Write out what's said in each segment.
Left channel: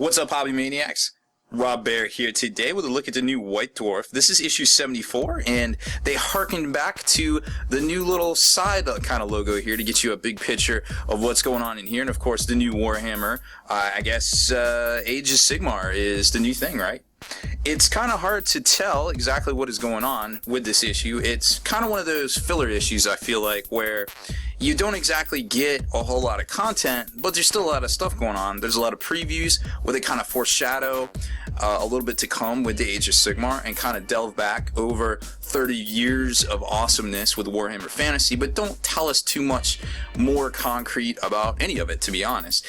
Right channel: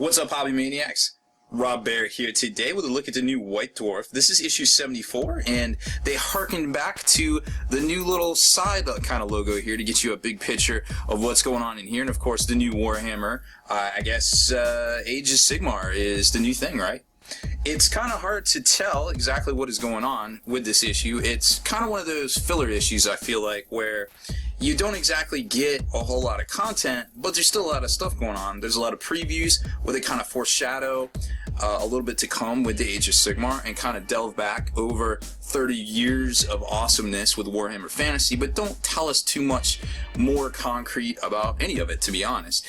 What's up, Hobby Maniacs? Rob Bear here today with a look at the new White Dwarf. This is issue 74, and they harkened back to the new little side kind of logo here to get you a big picture of what's going on in here. And of course, the new Warhammer, I guess Age of Sigmar is the new thing, right? It's kind of hard to tell exactly what is going on with this issue. It's kind of one of those filler issues, I feel like, where you don't exactly get a whole lot of content, but there's still a lot of stuff going on. There's a lot of previews where they kind of foreshadow a little bit to come with the Age of Sigmar and kind of delve back over 30 years of awesomeness with Warhammer Fantasy, but don't tell us too much more concrete about any of it, to be honest.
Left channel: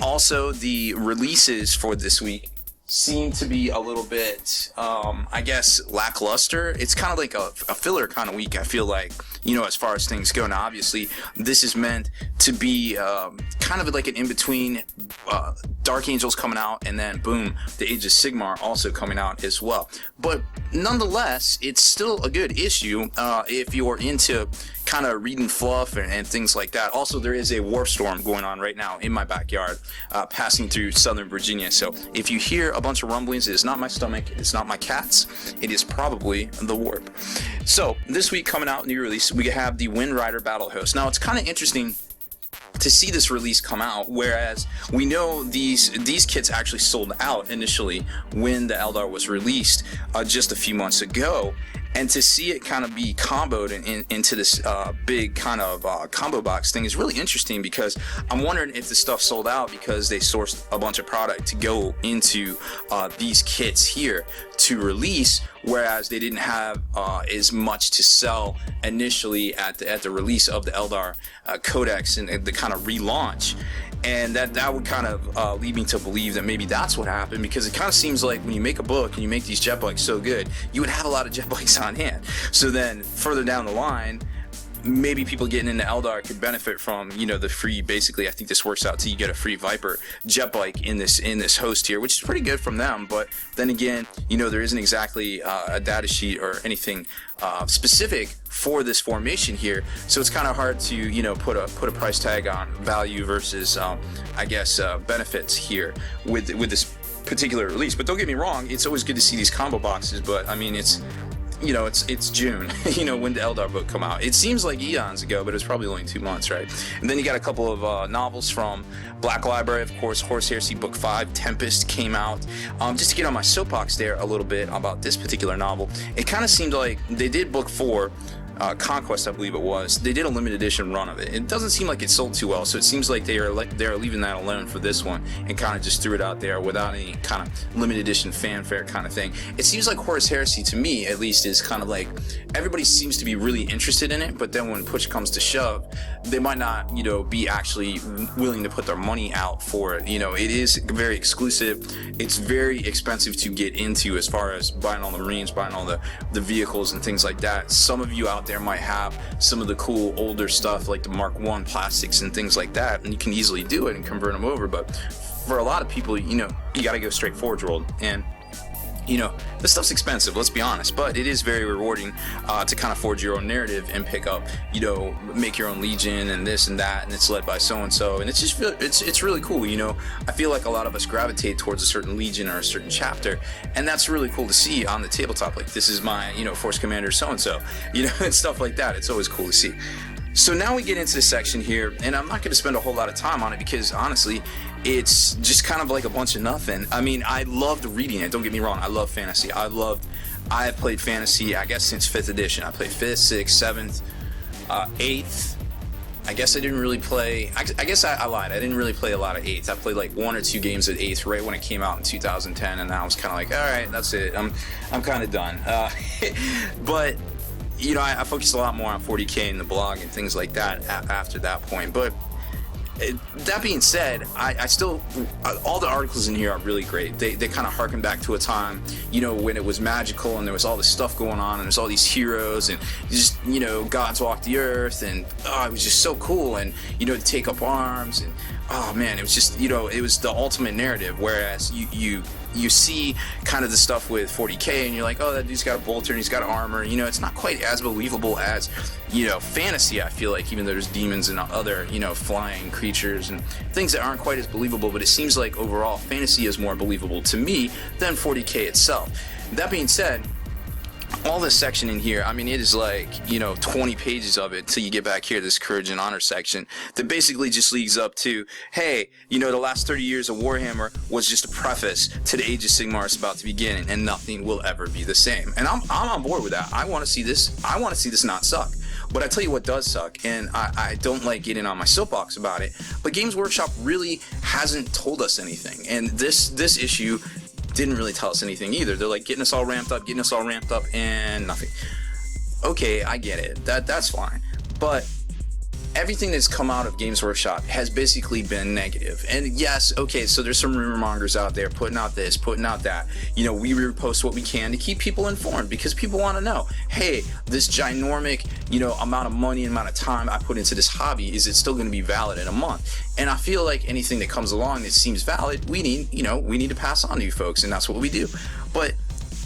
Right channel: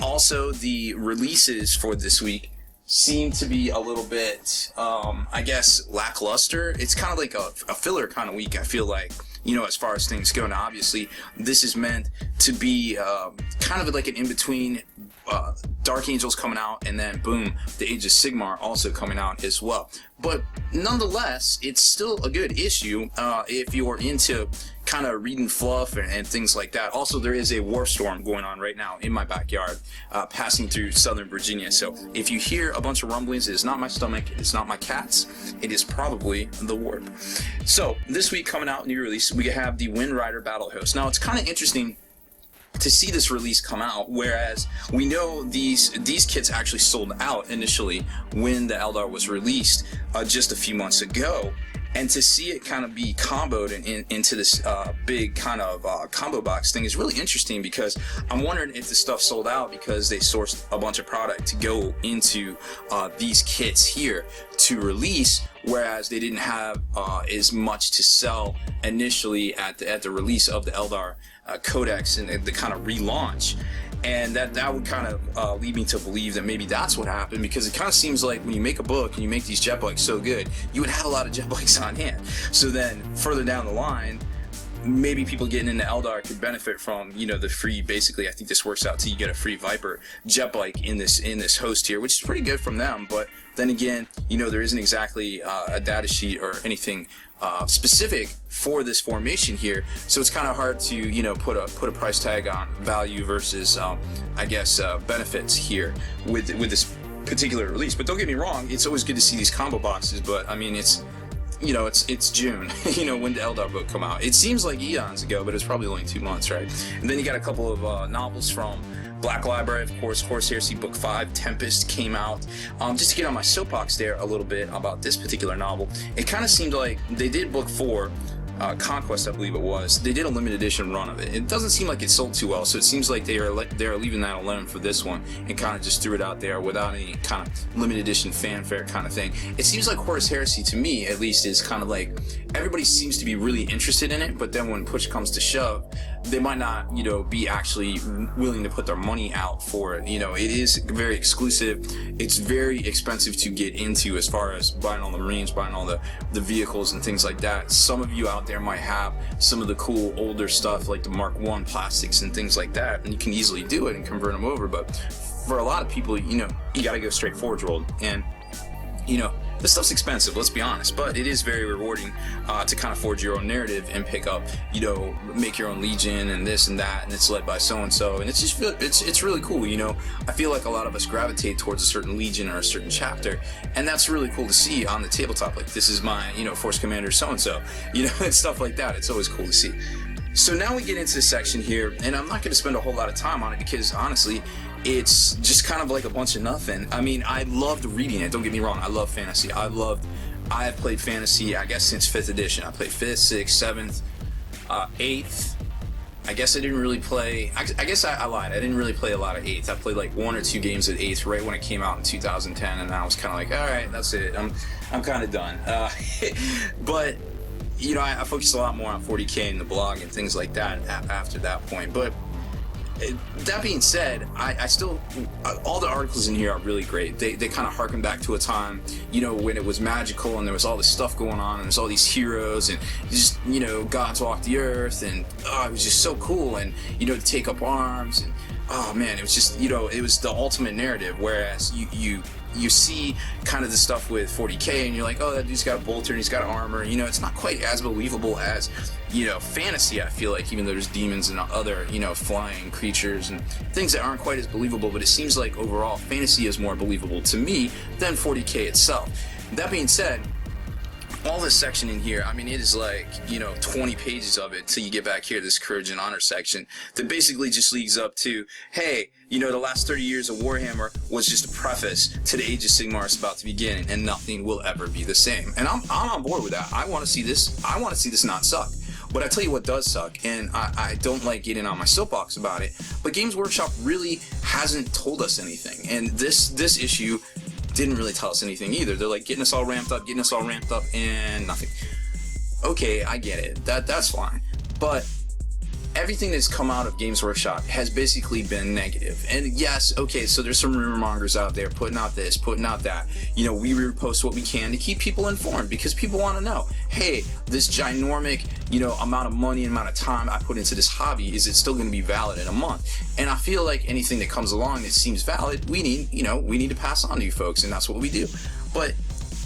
Also, the releases for this week seem to be a little bit, I guess, lackluster. It's kind of like a filler kind of week, I feel like, you know, as far as things go. Now, obviously, this is meant to be kind of like an in-between. Dark Angels coming out, and then, boom, the Age of Sigmar also coming out as well. But nonetheless, it's still a good issue if you're into kind of reading fluff and things like that. Also, there is a warp storm going on right now in my backyard, passing through southern Virginia. So if you hear a bunch of rumblings, it is not my stomach, it's not my cats, it is probably the warp. So this week coming out, new release, we have the Wind Rider Battle Host. Now, it's kind of interesting to see this release come out, whereas we know these kits actually sold out initially when the Eldar was released just a few months ago. And to see it kind of be comboed into this big kind of combo box thing is really interesting, because I'm wondering if the stuff sold out because they sourced a bunch of product to go into these kits here to release, whereas they didn't have as much to sell initially at the release of the Eldar Codex and the kind of relaunch. And that would kind of lead me to believe that maybe that's what happened, because it kind of seems like when you make a book and you make these jet bikes so good, you would have a lot of jet bikes on hand. So then further down the line, maybe people getting into Eldar could benefit from, you know, the free, basically, I think this works out to you get a free Viper jet bike in this host here, which is pretty good from them. But then again, you know, there isn't exactly a data sheet or anything specific for this formation here, so it's kind of hard to, you know, put a price tag on value versus I guess benefits here with this particular release. But don't get me wrong, it's always good to see these combo boxes, but I mean, it's, you know, it's June, you know, when the Eldar book come out. It seems like eons ago, but it's probably only 2 months, right? And then you got a couple of novels from Black Library, of course. Horus Heresy Book 5, Tempest came out. Just to get on my soapbox there a little bit about this particular novel, it kind of seemed like they did Book 4, Conquest, I believe it was. They did a limited edition run of it. It doesn't seem like it sold too well, so it seems like they're leaving that alone for this one and kind of just threw it out there without any kind of limited edition fanfare kind of thing. It seems like Horus Heresy, to me at least, is kind of like everybody seems to be really interested in it, but then when push comes to shove, they might not, you know, be actually willing to put their money out for it. You know, it is very exclusive. It's very expensive to get into as far as buying all the Marines, buying all the vehicles and things like that. Some of you out there might have some of the cool older stuff like the Mark I plastics and things like that, and you can easily do it and convert them over. But for a lot of people, you know, you got to go straight Forge World, and you know, this stuff's expensive, let's be honest, but it is very rewarding to kind of forge your own narrative and pick up, you know, make your own legion and this and that, and it's led by so-and-so, and it's just, it's really cool, you know. I feel like a lot of us gravitate towards a certain legion or a certain chapter, and that's really cool to see on the tabletop. Like, this is my, you know, Force Commander so-and-so, you know, and stuff like that. It's always cool to see. So now we get into this section here, and I'm not going to spend a whole lot of time on it because, honestly, it's just kind of like a bunch of nothing. I mean, I loved reading it, don't get me wrong. I love fantasy. I have played fantasy, I guess, since 5th edition. I played 5th, 6th, 7th, 8th. I guess I didn't really play, I guess I lied. I didn't really play a lot of 8th. I played like 1 or 2 games at 8th right when it came out in 2010, and I was kind of like, all right, that's it. I'm kind of done. But you know, I focused a lot more on 40K and the blog and things like that after that point. But that being said, I still, all the articles in here are really great. They kind of harken back to a time, you know, when it was magical and there was all this stuff going on and there's all these heroes and just, you know, gods walk the earth, and it was just so cool, and, you know, to take up arms and oh man, it was just, you know, it was the ultimate narrative. Whereas you see kind of the stuff with 40k and you're like, oh, that dude's got a bolter and he's got armor. You know, it's not quite as believable as, you know, fantasy. I feel like, even though there's demons and other, you know, flying creatures and things that aren't quite as believable, but it seems like overall fantasy is more believable to me than 40k itself. That being said, all this section in here, I mean, it is like, you know, 20 pages of it till you get back here, this Courage and Honor section, that basically just leads up to, hey, you know, the last 30 years of Warhammer was just a preface to the Age of Sigmar is about to begin, and nothing will ever be the same. And I'm on board with that. I want to see this not suck. But I tell you what does suck, and I don't like getting on my soapbox about it, but Games Workshop really hasn't told us anything. And this issue didn't really tell us anything either. They're like getting us all ramped up, and nothing. Okay, I get it. That's fine. But everything that's come out of Games Workshop has basically been negative. And yes, okay, so there's some rumor mongers out there putting out this, putting out that. You know, we repost what we can to keep people informed, because people want to know, hey, this ginormic, you know, amount of money and amount of time I put into this hobby, is it still going to be valid in a month? And I feel like anything that comes along that seems valid, we need to pass on to you folks, and that's what we do. But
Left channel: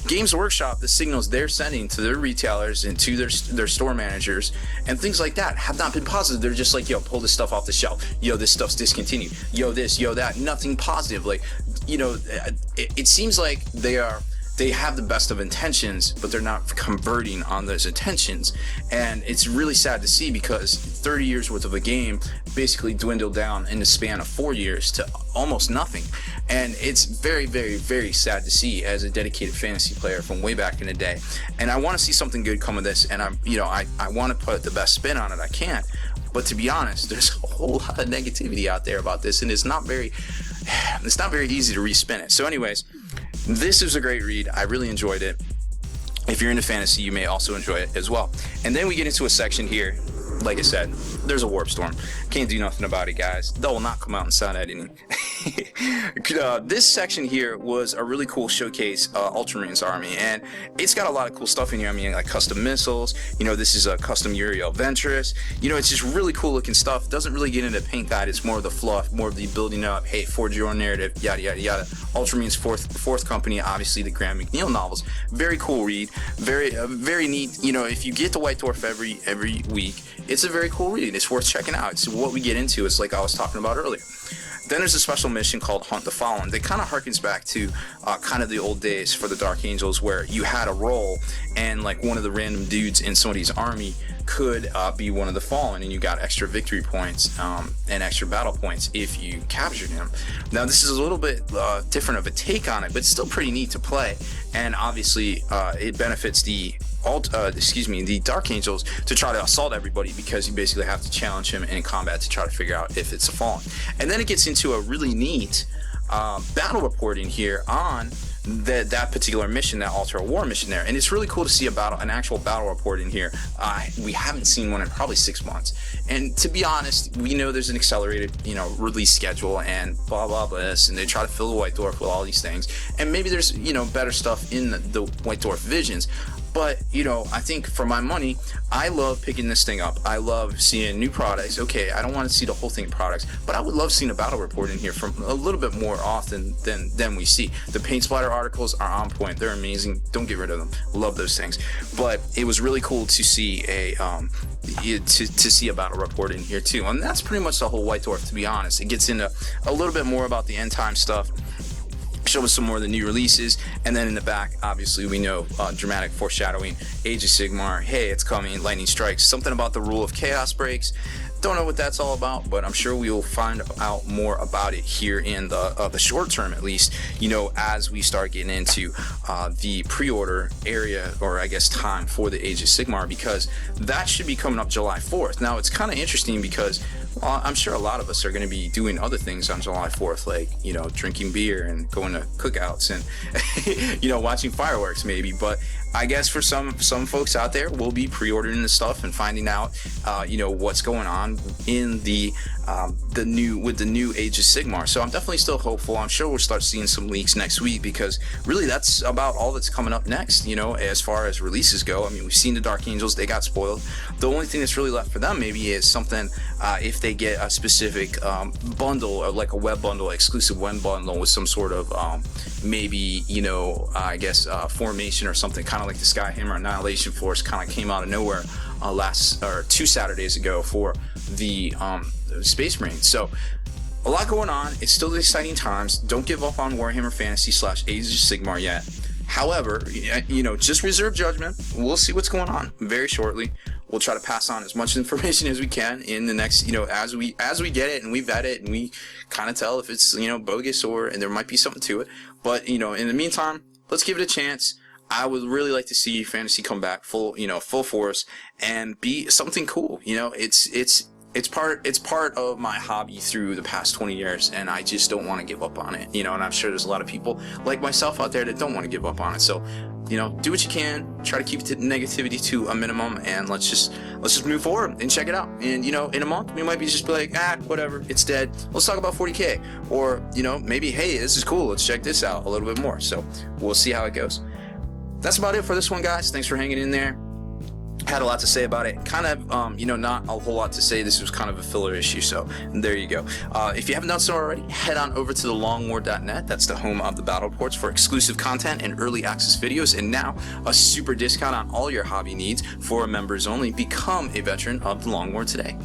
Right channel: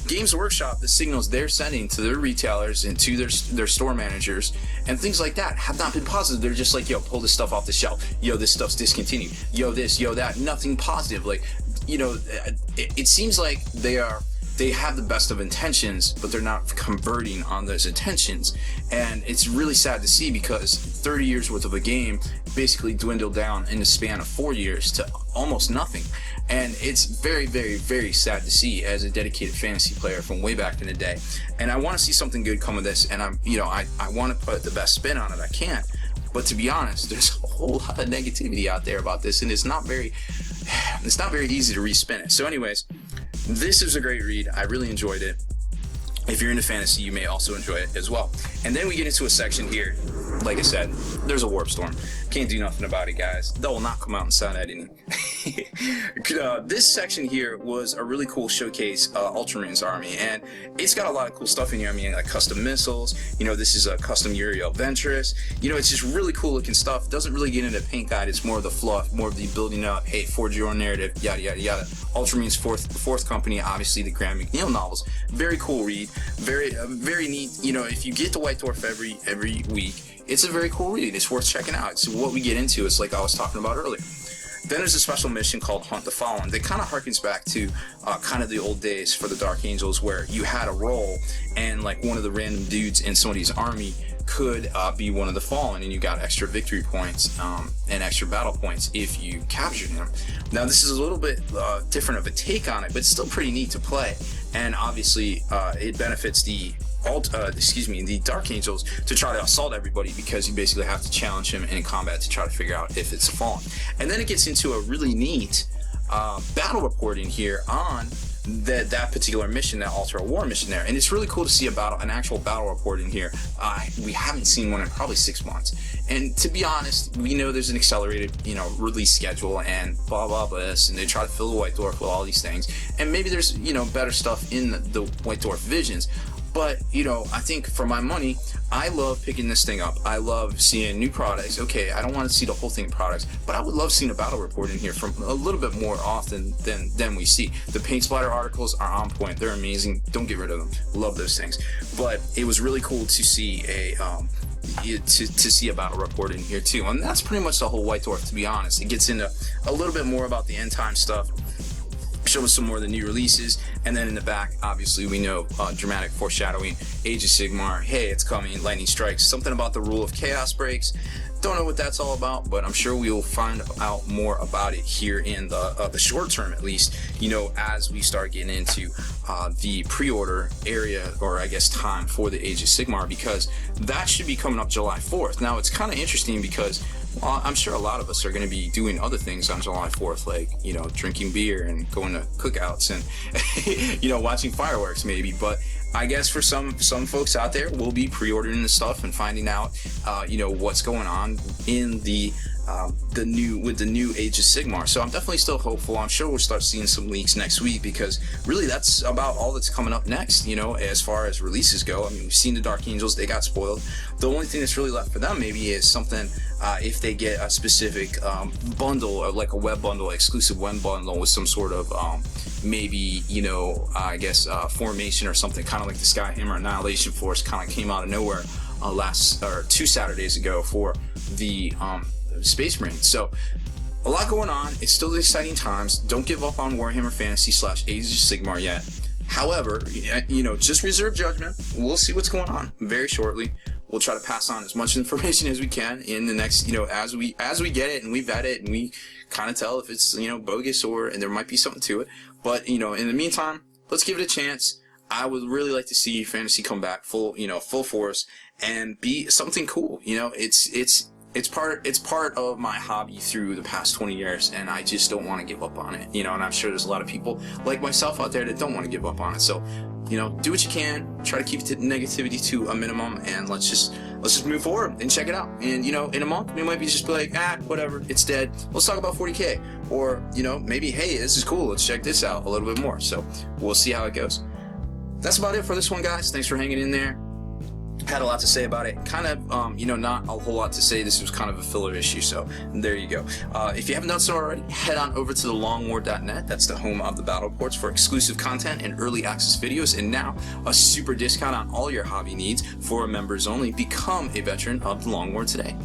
Games Workshop, the signals they're sending to their retailers and to their store managers and things like that have not been positive. They're just like, yo, pull this stuff off the shelf. Yo, this stuff's discontinued. Yo, this, yo, that. Nothing positive. Like, you know, it seems like they have the best of intentions, but they're not converting on those intentions. And it's really sad to see, because 30 years worth of a game basically dwindled down in the span of 4 years to almost nothing. And it's very, very, very sad to see as a dedicated fantasy player from way back in the day. And I want to see something good come of this, and I want to put the best spin on it I can. But to be honest, there's a whole lot of negativity out there about this, and it's not very easy to respin it. So anyways, this is a great read. I really enjoyed it. If you're into fantasy, you may also enjoy it as well. And then we get into a section here. Like I said, there's a warp storm. Can't do nothing about it, guys. That will not come out in sound editing. This section here was a really cool showcase Ultramarines army, and it's got a lot of cool stuff in here. I mean, like custom missiles. You know, this is a custom Uriel Ventress. You know, it's just really cool looking stuff. Doesn't really get into paint that. It's more of the fluff, more of the building up. Hey, forge your own narrative. Yada yada yada. Ultramarines fourth company. Obviously, the Graham McNeil novels. Very cool read. Very neat. You know, if you get the White Dwarf every week, it's a very cool read. It's worth checking out. It's what we get into. It's like I was talking about earlier. Then there's a special mission called Hunt the Fallen. That kind of harkens back to kind of the old days for the Dark Angels, where you had a role and like one of the random dudes in somebody's army could be one of the Fallen, and you got extra victory points and extra battle points if you captured him. Now this is a little bit different of a take on it, but it's still pretty neat to play, and obviously it benefits the Dark Angels to try to assault everybody, because you basically have to challenge him in combat to try to figure out if it's a Fallen. And then it gets into a really neat battle reporting here on that particular mission, that Altar War mission there, and it's really cool to see an actual battle report in here. We haven't seen one in probably 6 months, and to be honest, we know there's an accelerated, you know, release schedule and blah blah blah this, and they try to fill the White Dwarf with all these things, and maybe there's, you know, better stuff in the White Dwarf visions. But, you know, I think for my money, I love picking this thing up. I love seeing new products. Okay, I don't want to see the whole thing of products, but I would love seeing a battle report in here from a little bit more often than we see. The paint splatter articles are on point. They're amazing. Don't get rid of them. Love those things. But it was really cool to see to see a battle report in here too. And that's pretty much the whole White Dwarf, to be honest. It gets into a little bit more about the end time stuff, show us some more of the new releases, and then in the back, obviously, we know dramatic foreshadowing, Age of Sigmar, hey, it's coming, lightning strikes, something about the rule of chaos breaks. Don't know what that's all about, but I'm sure we will find out more about it here in the short term, at least, you know, as we start getting into the pre-order area, or I guess time for the Age of Sigmar, because that should be coming up July 4th. Now, it's kind of interesting because I'm sure a lot of us are going to be doing other things on July 4th, like, you know, drinking beer and going to cookouts and, you know, watching fireworks maybe. But I guess for some folks out there, we'll be pre-ordering the stuff and finding out, what's going on in the new Age of Sigmar. So I'm definitely still hopeful. I'm sure we'll start seeing some leaks next week, because really that's about all that's coming up next, as far as releases go. I mean, we've seen the Dark Angels, they got spoiled. The only thing that's really left for them maybe is something, if they get a specific bundle, or like a web bundle, exclusive web bundle with some sort of maybe, formation or something, kind of like the Skyhammer Annihilation Force kind of came out of nowhere two Saturdays ago for the Space Marines. So a lot going on. It's still exciting times. Don't give up on Warhammer Fantasy / Age of Sigmar yet. However, just reserve judgment. We'll see what's going on very shortly. We'll try to pass on as much information as we can in the next, as we get it and we vet it and we kind of tell if it's, bogus and there might be something to it. But, in the meantime, let's give it a chance. I would really like to see Fantasy come back full force and be something cool. It's part of my hobby through the past 20 years, and I just don't want to give up on it. And I'm sure there's a lot of people like myself out there that don't want to give up on it. So, do what you can, try to keep the negativity to a minimum, and let's just move forward and check it out. And in a month we might be just be like, whatever, it's dead. Let's talk about 40K, or maybe, hey, this is cool, let's check this out a little bit more. So we'll see how it goes. That's about it for this one, guys. Thanks for hanging in there. Had a lot to say about it. Kind of, not a whole lot to say. This was kind of a filler issue, so there you go. If you haven't done so already, head on over to thelongwar.net. That's the home of the battle reports for exclusive content and early access videos, and now a super discount on all your hobby needs for members only. Become a veteran of the Long War today.